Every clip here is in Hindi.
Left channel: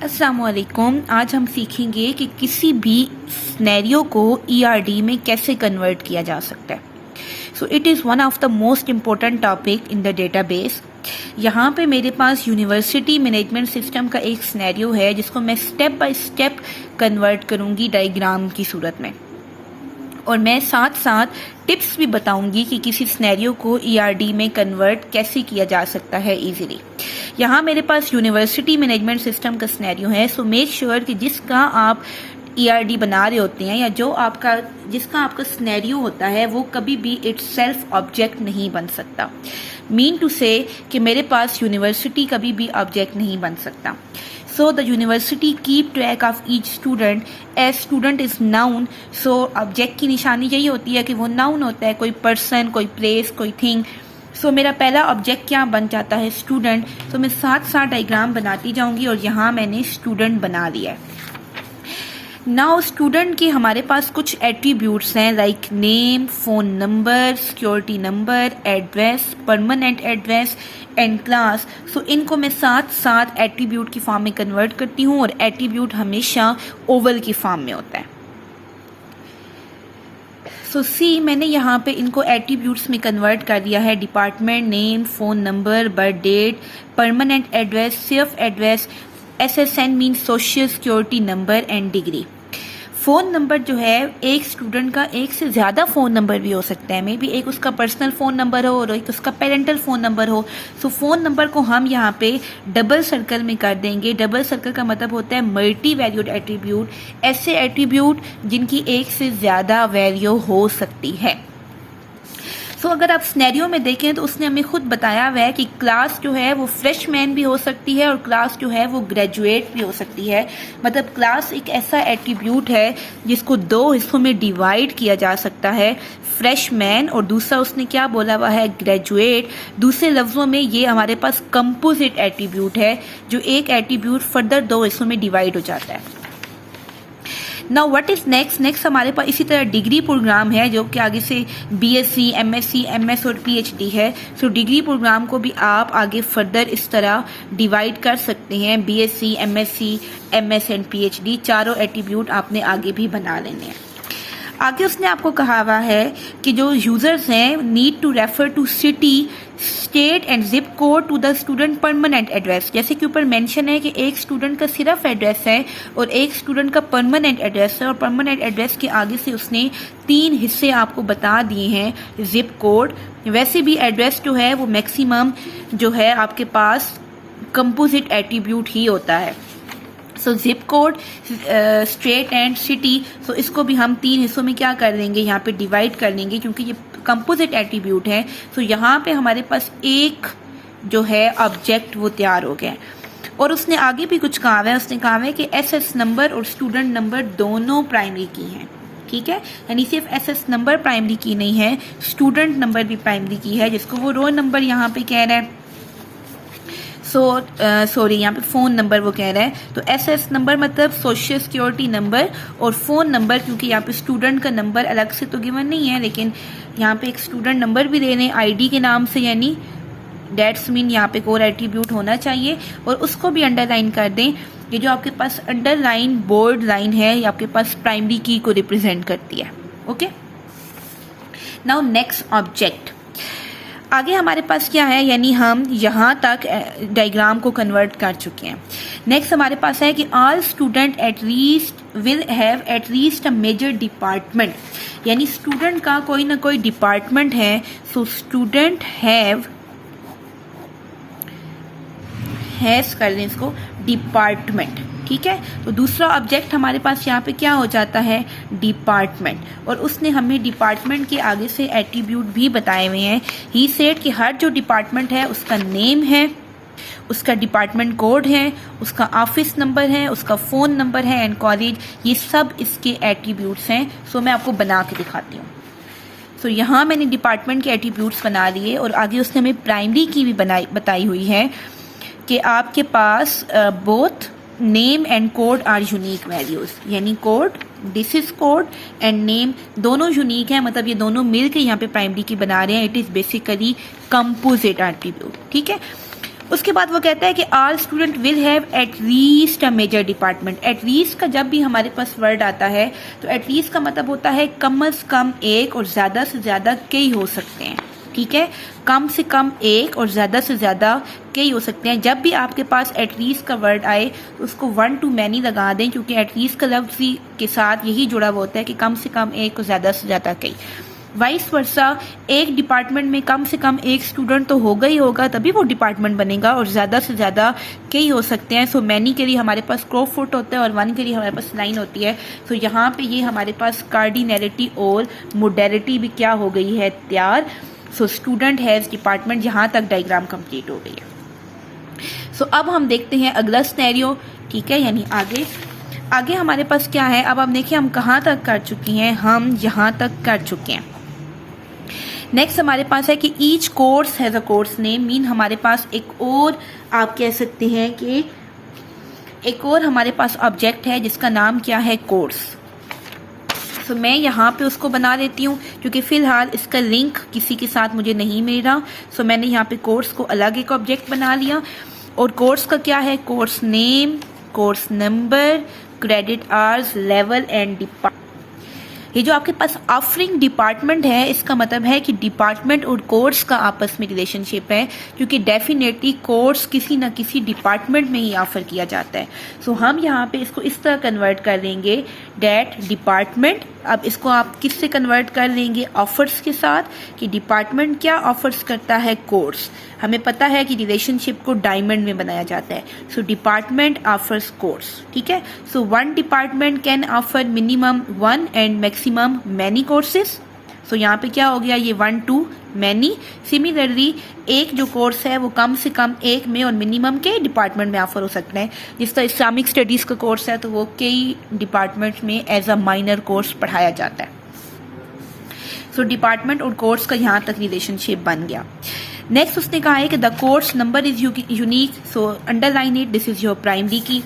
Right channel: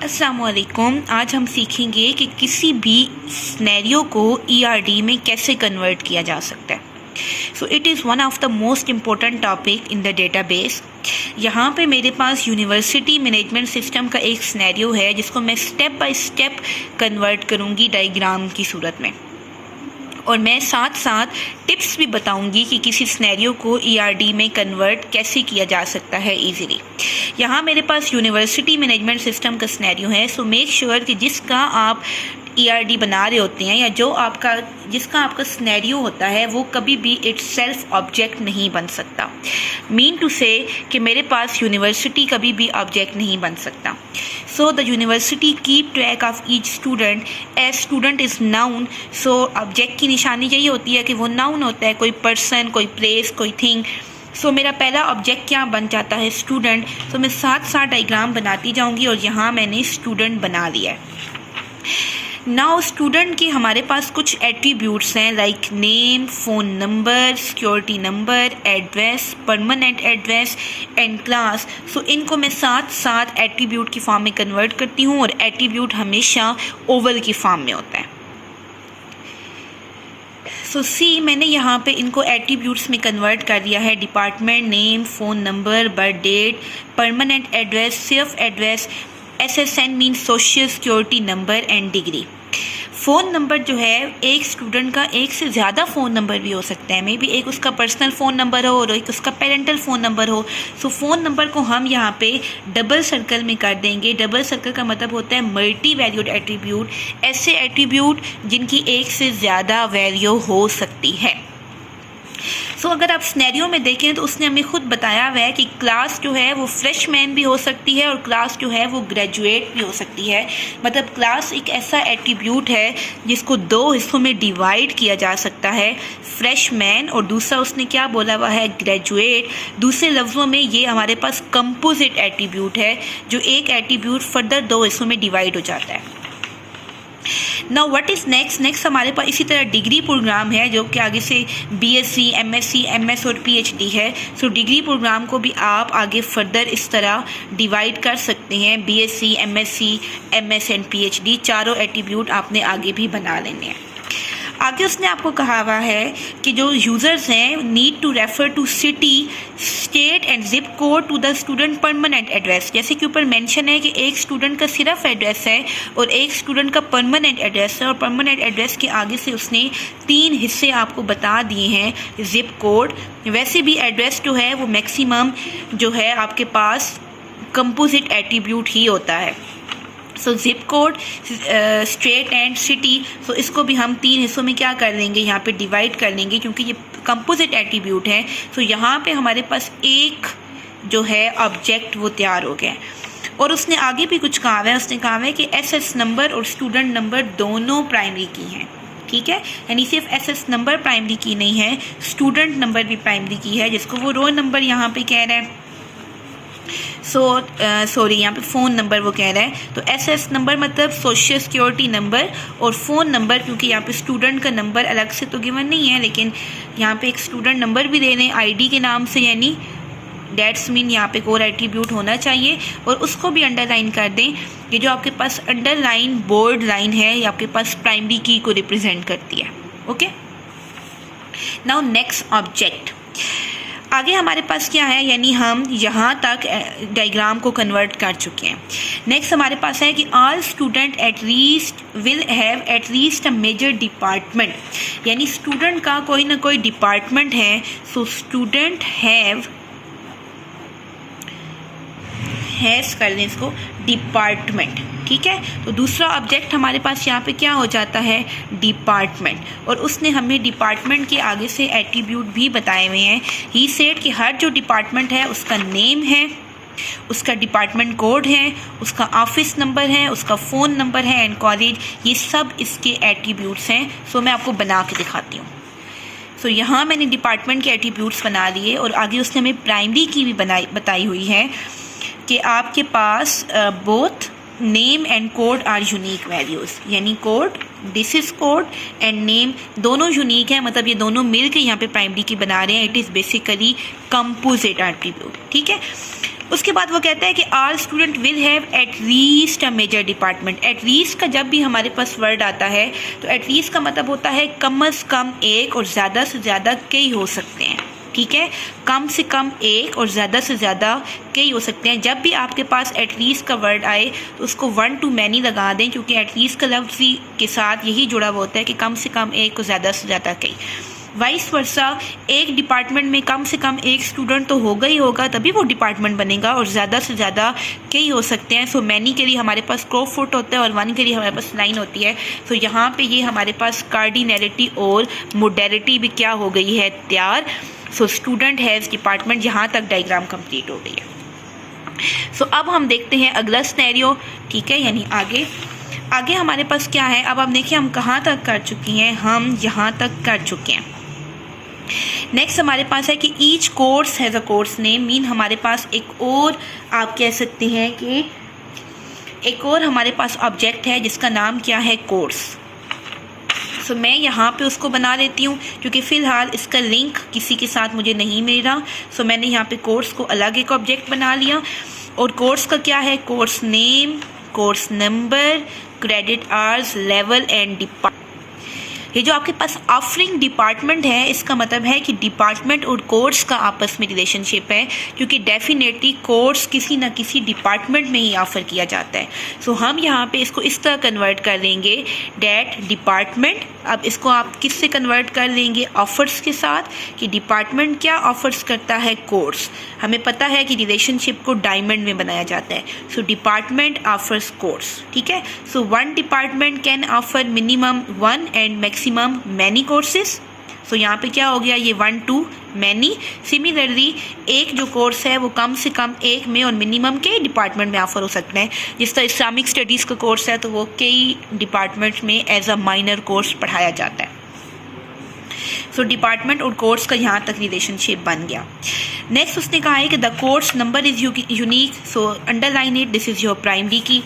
अस्सलामुअलैकुम। आज हम सीखेंगे कि किसी भी सिनेरियो को ईआरडी में कैसे कन्वर्ट किया जा सकता है। So it is one of the most important topic in the database. यहाँ पे मेरे पास यूनिवर्सिटी मैनेजमेंट सिस्टम का एक सिनेरियो है जिसको मैं स्टेप बाय स्टेप कन्वर्ट करूँगी डायग्राम की सूरत में, और मैं साथ साथ टिप्स भी बताऊंगी कि किसी सिनेरियो को ईआरडी में कन्वर्ट कैसे किया जा सकता है इजीली। यहाँ मेरे पास यूनिवर्सिटी मैनेजमेंट सिस्टम का सिनेरियो है। सो मेक श्योर कि जिसका आप ईआरडी बना रहे होते हैं या जिसका आपका सिनेरियो होता है वो कभी भी इटसेल्फ ऑब्जेक्ट नहीं बन सकता। मीन टू से कि मेरे पास यूनिवर्सिटी कभी भी ऑब्जेक्ट नहीं बन सकता। So the university keep track of each student as student is known. सो ऑब्जेक्ट की निशानी यही होती है कि वो नाउन होता है, कोई पर्सन, कोई प्लेस, कोई थिंग। सो मेरा पहला ऑब्जेक्ट क्या बन जाता है? स्टूडेंट। सो मैं साथ साथ डायग्राम बनाती जाऊंगी और यहाँ मैंने स्टूडेंट बना लिया है। नाउ स्टूडेंट की हमारे पास कुछ एट्रीब्यूट्स हैं like name, phone number, security number, address, permanent address and class. So इनको मैं साथ साथ एट्रीब्यूट की फॉर्म में कन्वर्ट करती हूँ, और एट्रीब्यूट हमेशा ओवल की फॉर्म में होता है। सो सी मैंने यहाँ पे इनको एट्रीब्यूट्स में कन्वर्ट कर दिया है। Department, name, phone number, birth date, permanent address, सिर्फ address, SSN mean social security number and degree. Phone number जो है एक स्टूडेंट का एक से ज़्यादा फ़ोन नंबर भी हो सकता है। मे बी एक उसका पर्सनल फ़ोन नंबर हो और एक उसका पेरेंटल फ़ोन नंबर हो। सो फ़ोन नंबर को हम यहाँ पे डबल सर्कल में कर देंगे। डबल सर्कल का मतलब होता है मल्टी वैल्यूड एट्रीब्यूट, ऐसे एट्रीब्यूट जिनकी एक से ज़्यादा वैल्यू हो सकती है। सो अगर आप सिनेरियो में देखें तो उसने हमें खुद बताया हुआ है कि क्लास जो है वो फ्रेशमैन भी हो सकती है और क्लास जो है वो ग्रेजुएट भी हो सकती है। मतलब क्लास एक ऐसा एट्रीब्यूट है जिसको दो हिस्सों में डिवाइड किया जा सकता है, फ्रेशमैन और दूसरा उसने क्या बोला हुआ है? ग्रेजुएट। दूसरे लफ्ज़ों में ये हमारे पास कंपोजिट एट्रीब्यूट है, जो एक एट्रीब्यूट फर्दर दो हिस्सों में डिवाइड हो जाता है। नाउ व्हाट इज़ नेक्स्ट हमारे पास इसी तरह डिग्री प्रोग्राम है, जो कि आगे से BSc, MSc, MS और PhD है। सो डिग्री प्रोग्राम को भी आप आगे फर्दर इस तरह डिवाइड कर सकते हैं। BSc, MSc, MS and PhD चारों एट्रीब्यूट आपने आगे भी बना लेने हैं। आगे उसने आपको कहा हुआ है कि जो यूज़र्स हैं need to refer to city, state and zip code to the student permanent address. जैसे कि ऊपर मेंशन है कि एक स्टूडेंट का सिर्फ एड्रेस है और एक स्टूडेंट का परमानेंट एड्रेस है, और परमानेंट एड्रेस के आगे से उसने 3 हिस्से आपको बता दिए हैं जिप कोड। वैसे भी एड्रेस जो है वो मैक्सिमम जो है आपके पास कंपोजिट एट्रीब्यूट ही होता है। So zip code, state and city, so इसको भी हम 3 हिस्सों में क्या कर लेंगे? यहाँ पे डिवाइड कर लेंगे, क्योंकि ये कंपोजिट एट्रीब्यूट है। सो यहाँ पे हमारे पास एक जो है ऑब्जेक्ट वो तैयार हो गया। और उसने आगे भी कुछ कहा है। उसने कहा है कि SS नंबर और स्टूडेंट नंबर दोनों प्राइमरी की हैं, ठीक है। यानी सिर्फ SS नंबर प्राइमरी की नहीं है, स्टूडेंट नंबर भी प्राइमरी की है, जिसको वो रोल नंबर यहाँ पे कह रहा है। सॉरी यहाँ पे फ़ोन नंबर वो कह रहा है। तो SS नंबर मतलब सोशल सिक्योरिटी नंबर, और फ़ोन नंबर क्योंकि यहाँ पे स्टूडेंट का नंबर अलग से तो गिवन नहीं है, लेकिन यहाँ पे एक स्टूडेंट नंबर भी दे रहे हैं ID के नाम से, यानी डेट्स मीन यहाँ पे कोर एट्रीब्यूट होना चाहिए। और उसको भी अंडरलाइन कर दें। ये जो आपके पास अंडरलाइन बोल्ड लाइन है ये आपके पास प्राइमरी की को रिप्रेजेंट करती है। Okay, now next object. आगे हमारे पास क्या है? यानी हम यहाँ तक डायग्राम को कन्वर्ट कर चुके हैं। नेक्स्ट हमारे पास है कि all student at least will have at least a major department. यानी स्टूडेंट का कोई ना कोई डिपार्टमेंट है। सो स्टूडेंट हैज़ कर दें इसको डिपार्टमेंट, ठीक है। तो दूसरा ऑब्जेक्ट हमारे पास यहाँ पे क्या हो जाता है? डिपार्टमेंट। और उसने हमें डिपार्टमेंट के आगे से एट्रीब्यूट भी बताए हुए हैं। ही सेड कि हर जो डिपार्टमेंट है उसका नेम है, उसका डिपार्टमेंट कोड है, उसका ऑफिस नंबर है, उसका फ़ोन नंबर है एंड कॉलेज, ये सब इसके एट्रीब्यूट्स हैं। सो मैं आपको बना के दिखाती हूँ। सो यहाँ मैंने डिपार्टमेंट के एट्रीब्यूट्स बना लिए, और आगे उसने हमें प्राइमरी की भी बताई हुई है कि आपके पास both name and code are unique values. यानी code, this is code and name दोनों यूनिक है, मतलब ये दोनों मिल के यहाँ पे प्राइमरी की बना रहे हैं। It is basically composite attribute, ठीक है। उसके बाद वो कहता है कि all student will have at least a major department. At least का जब भी हमारे पास वर्ड आता है तो एट लीस्ट का मतलब होता है कम से कम एक और ज़्यादा से ज़्यादा कई हो सकते हैं। ठीक है, कम से कम एक और ज़्यादा से ज़्यादा कई हो सकते हैं। जब भी आपके पास एट लीस्ट का वर्ड आए तो उसको वन टू मैनी लगा दें, क्योंकि एट लीस्ट का लफ्ज़ के साथ यही जुड़ा हुआ होता है कि कम से कम एक और ज़्यादा से ज़्यादा कई। वाइस वर्सा, एक डिपार्टमेंट में कम से कम एक स्टूडेंट तो होगा ही होगा, तभी वो डिपार्टमेंट बनेगा, और ज़्यादा से ज़्यादा कई हो सकते हैं। सो मैनी के लिए हमारे पास क्रॉ फुट होता है और वन के लिए हमारे पास लाइन होती है। सो यहाँ पे ये हमारे पास कार्डिनैलिटी और मोडेलिटी भी क्या हो गई है, तैयार। सो स्टूडेंट हैज़ डिपार्टमेंट, यहाँ तक डायग्राम कंप्लीट हो गई है। सो अब हम देखते हैं अगला सिनेरियो। ठीक है, यानी आगे हमारे पास क्या है। अब आप देखिए हम कहाँ तक कर चुकी हैं, हम यहाँ तक कर चुके हैं। नेक्स्ट हमारे पास है कि each course has a course name, mean हमारे पास एक और आप कह सकते हैं कि एक और हमारे पास ऑब्जेक्ट है जिसका नाम क्या है, कोर्स। सो मैं यहाँ पे उसको बना देती हूँ क्योंकि फ़िलहाल इसका लिंक किसी के साथ मुझे नहीं मिल रहा। सो मैंने यहाँ पे कोर्स को अलग एक ऑब्जेक्ट बना लिया, और कोर्स का क्या है, course name, course number, credit hours, level and department. ये जो आपके पास ऑफरिंग डिपार्टमेंट है, इसका मतलब है कि डिपार्टमेंट और कोर्स का आपस में रिलेशनशिप है, क्योंकि डेफिनेटली कोर्स किसी न किसी डिपार्टमेंट में ही ऑफ़र किया जाता है। सो हम यहाँ पे इसको इस तरह कन्वर्ट कर लेंगे, डैट डिपार्टमेंट। अब इसको आप किससे कन्वर्ट कर लेंगे, ऑफर्स के साथ, कि डिपार्टमेंट क्या ऑफर्स करता है, कोर्स। हमें पता है कि रिलेशनशिप को डायमंड में बनाया जाता है। So department offers course. ठीक है, so one department can offer minimum one and maximum many courses. So यहाँ पे क्या हो गया, ये वन टू मैनी। सिमिलरली एक जो कोर्स है वो कम से कम एक में और मिनिमम कई डिपार्टमेंट में ऑफर हो सकता है। जिस तरह इस्लामिक स्टडीज़ का कोर्स है तो वो कई डिपार्टमेंट्स में एज अ माइनर कोर्स पढ़ाया जाता है। सो डिपार्टमेंट और कोर्स का यहाँ तक रिलेशनशिप बन गया। नेक्स्ट उसने कहा है कि the course number is unique, so underline it, this is your primary की।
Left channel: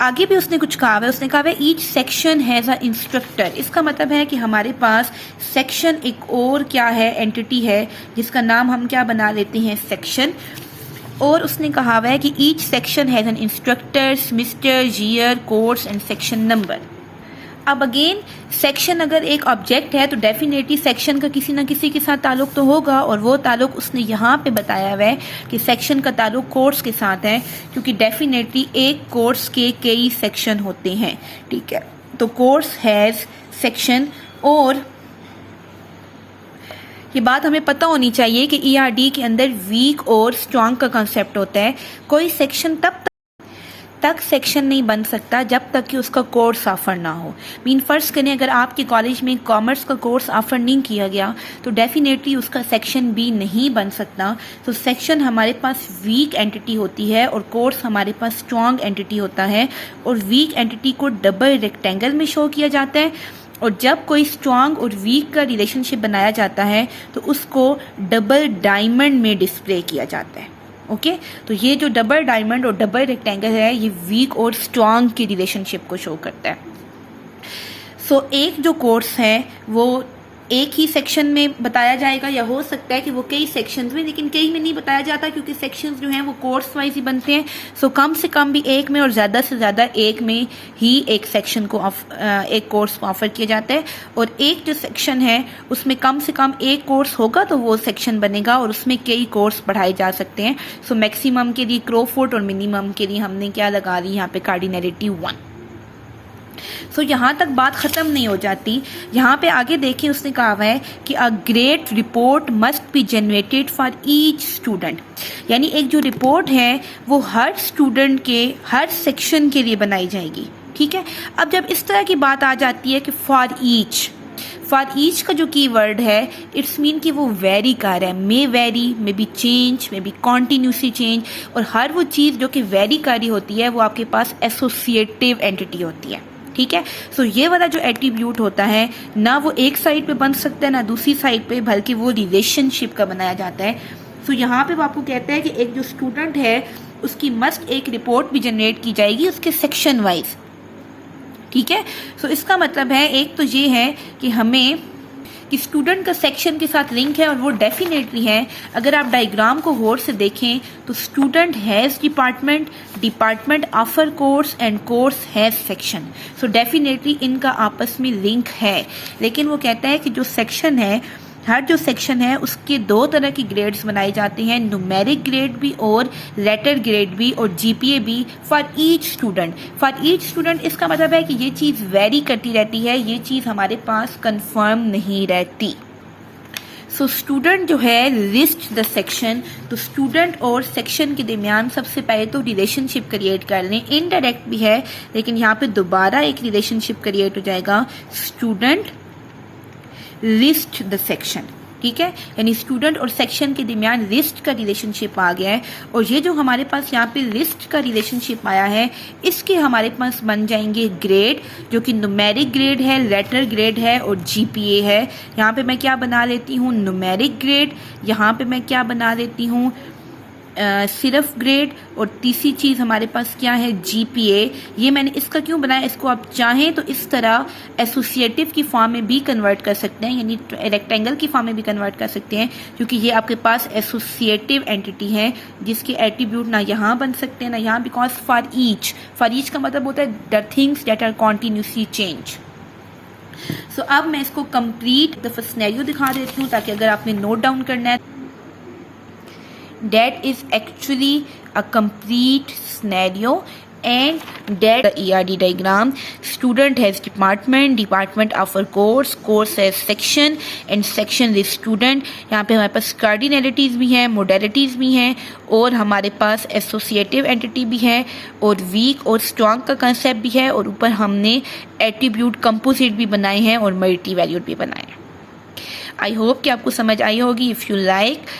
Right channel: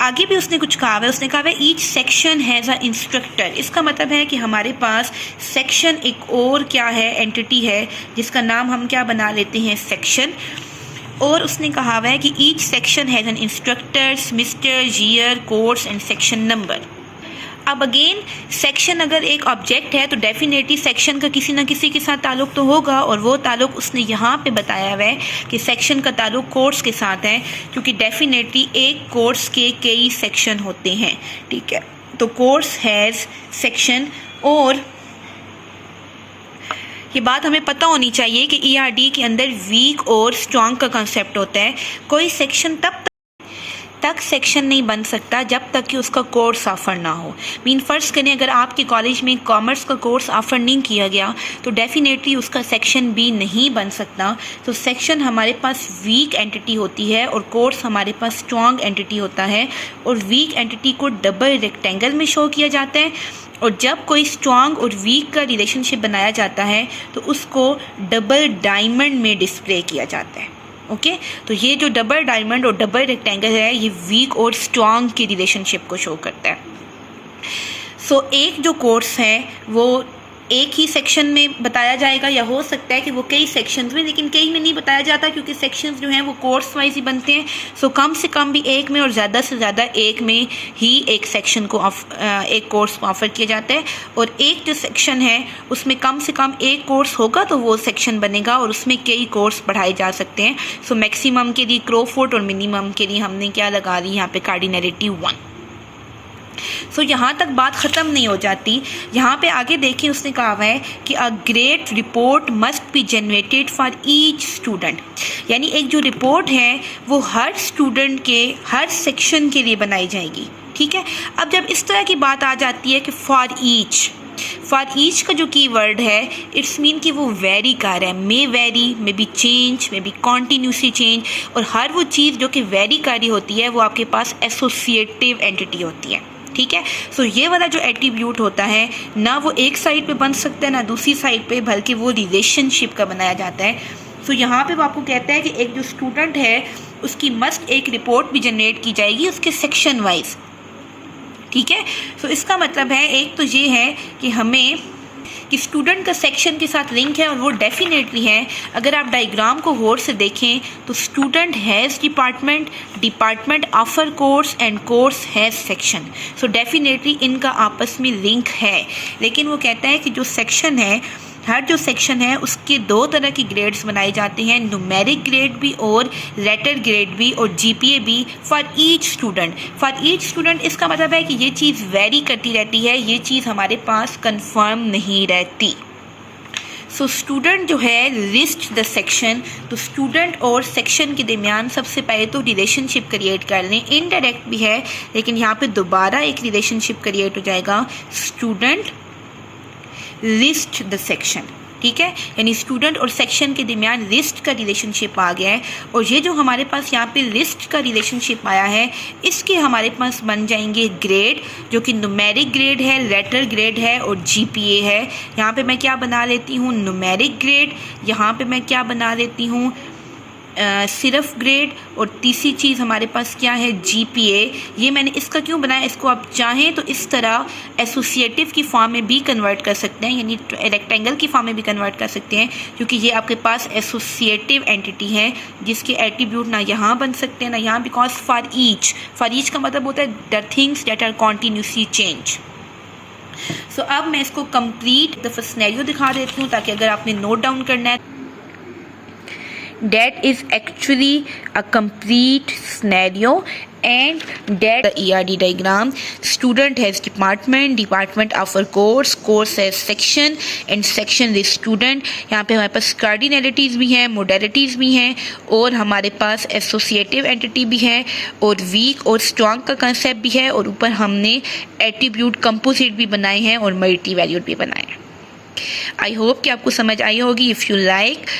आगे भी उसने कुछ कहा है, उसने कहा है each section has a instructor. इसका मतलब है कि हमारे पास सेक्शन एक और क्या है, एंटिटी है, जिसका नाम हम क्या बना लेते हैं, सेक्शन। और उसने कहा है कि each section has an instructor, semester, year, course and section number. अब अगेन सेक्शन अगर एक ऑब्जेक्ट है तो डेफिनेटली सेक्शन का किसी ना किसी के साथ ताल्लुक़ तो होगा, और वो ताल्लुक़ उसने यहाँ पे बताया हुआ है कि सेक्शन का ताल्लुक़ कोर्स के साथ है, क्योंकि डेफिनेटली एक कोर्स के कई सेक्शन होते हैं। ठीक है, तो कोर्स हैज़ सेक्शन। और ये बात हमें पता होनी चाहिए कि ERD के अंदर वीक और स्ट्रॉन्ग का कंसेप्ट होता है। कोई सेक्शन तब तक सेक्शन नहीं बन सकता जब तक कि उसका कोर्स ऑफ़र ना हो। मीन फ़र्ज़ करें अगर आपके कॉलेज में कॉमर्स का कोर्स ऑफ़र नहीं किया गया तो डेफिनेटली उसका सेक्शन भी नहीं बन सकता। तो सेक्शन हमारे पास वीक एंटिटी होती है और कोर्स हमारे पास स्ट्रॉन्ग एंटिटी होता है, और वीक एंटिटी को डबल रेक्टेंगल में शो किया जाता है, और जब कोई स्ट्रॉन्ग और वीक का रिलेशनशिप बनाया जाता है तो उसको डबल डायमंड में डिस्प्ले किया जाता है। ओके, तो ये जो डबल डायमंड और डबल रेक्टेंगल है ये वीक और स्ट्रॉन्ग की रिलेशनशिप को शो करता है। सो एक जो कोर्स है वो एक ही सेक्शन में बताया जाएगा, या हो सकता है कि वो कई सेक्शंस में, लेकिन कई में नहीं बताया जाता क्योंकि सेक्शंस जो हैं वो कोर्स वाइज ही बनते हैं। सो कम से कम भी एक में और ज़्यादा से ज़्यादा एक में ही एक सेक्शन को एक कोर्स को ऑफ़र किया जाता है, और एक जो सेक्शन है उसमें कम से कम एक कोर्स होगा तो वो सेक्शन बनेगा, और उसमें कई कोर्स पढ़ाए जा सकते हैं। सो मैक्सिमम के लिए क्रोफोर्ड और मिनिमम के लिए हमने क्या लगा दी यहाँ पे, कार्डिनैलिटी 1। सो यहाँ तक बात ख़त्म नहीं हो जाती। यहाँ पे आगे देखिए उसने कहा हुआ है कि a great report must be generated for each student, यानी एक जो रिपोर्ट है वो हर स्टूडेंट के हर सेक्शन के लिए बनाई जाएगी। ठीक है, अब जब इस तरह की बात आ जाती है कि फॉर ईच का जो की वर्ड है इट्स मीन कि वो वेरी कर रहा है, may vary, may be change, may be continuously change, और हर वो चीज़ जो कि वेरी कर रही होती है वो आपके पास एसोसिएटिव एंटिटी होती है। ठीक है, सो ये वाला जो एट्रीब्यूट होता है ना वो एक साइड पे बन सकता है ना दूसरी साइड पे, बल्कि वो रिलेशनशिप का बनाया जाता है। सो यहाँ पे वो आपको कहता है कि एक जो स्टूडेंट है उसकी मस्ट एक रिपोर्ट भी जनरेट की जाएगी उसके सेक्शन वाइज। ठीक है, सो इसका मतलब है एक तो ये है कि हमें कि स्टूडेंट का सेक्शन के साथ लिंक है, और वो डेफिनेटली है। अगर आप डायग्राम को गौर से देखें तो student has department, department offer course and course has section. So definitely इनका आपस में लिंक है। लेकिन वो कहता है कि जो सेक्शन है, हर जो सेक्शन है उसके दो तरह की ग्रेड्स बनाए जाते हैं, न्यूमेरिक ग्रेड भी और लेटर ग्रेड भी और जीपीए भी for each student. For each student इसका मतलब है कि ये चीज़ वेरी करती रहती है, ये चीज़ हमारे पास कंफर्म नहीं रहती। सो स्टूडेंट जो है लिस्ट द सेक्शन, तो स्टूडेंट और सेक्शन के दरमियान सबसे पहले तो रिलेशनशिप क्रिएट कर लें। इनडायरेक्ट भी है लेकिन यहाँ पे दोबारा एक रिलेशनशिप क्रिएट हो जाएगा, स्टूडेंट लिस्ट द सेक्शन। ठीक है, यानी स्टूडेंट और सेक्शन के दरमियान लिस्ट का रिलेशनशिप आ गया है। और ये जो हमारे पास यहाँ पे लिस्ट का रिलेशनशिप आया है, इसके हमारे पास बन जाएंगे ग्रेड, जो कि न्यूमेरिक ग्रेड है, लेटर ग्रेड है और जीपीए है। यहाँ पे मैं क्या बना लेती हूँ, न्यूमेरिक ग्रेड। यहाँ पे मैं क्या बना लेती हूँ, सिर्फ ग्रेड। और तीसरी चीज़ हमारे पास क्या है, जीपीए। ये मैंने इसका क्यों बनाया, इसको आप चाहें तो इस तरह एसोसिएटिव की फॉर्म में भी कन्वर्ट कर सकते हैं, यानी रेक्टेंगल की फॉर्म में भी कन्वर्ट कर सकते हैं, क्योंकि ये आपके पास एसोसिएटिव एंटिटी है जिसके एट्रीब्यूट ना यहाँ बन सकते हैं ना यहाँ, बिकॉज फॉर ईच का मतलब होता है the things that are continuously change. So अब मैं इसको कंप्लीट दफा सिनेरियो दिखा देती हूँ ताकि अगर आपने नोट डाउन करना है। That is actually a complete scenario, and that the ERD diagram. Student has department, department offer course, course has section and section is student. यहाँ पे हमारे पास cardinalities भी हैं, modalities भी हैं और हमारे पास associative entity भी है और weak और strong का concept भी है और ऊपर हमने attribute composite भी बनाए हैं और multi-valued भी बनाए हैं। I hope कि आपको समझ आई होगी। If you like,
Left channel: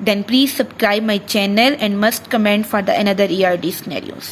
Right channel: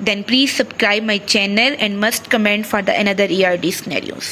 then please subscribe my channel and must comment for the another ERD scenarios.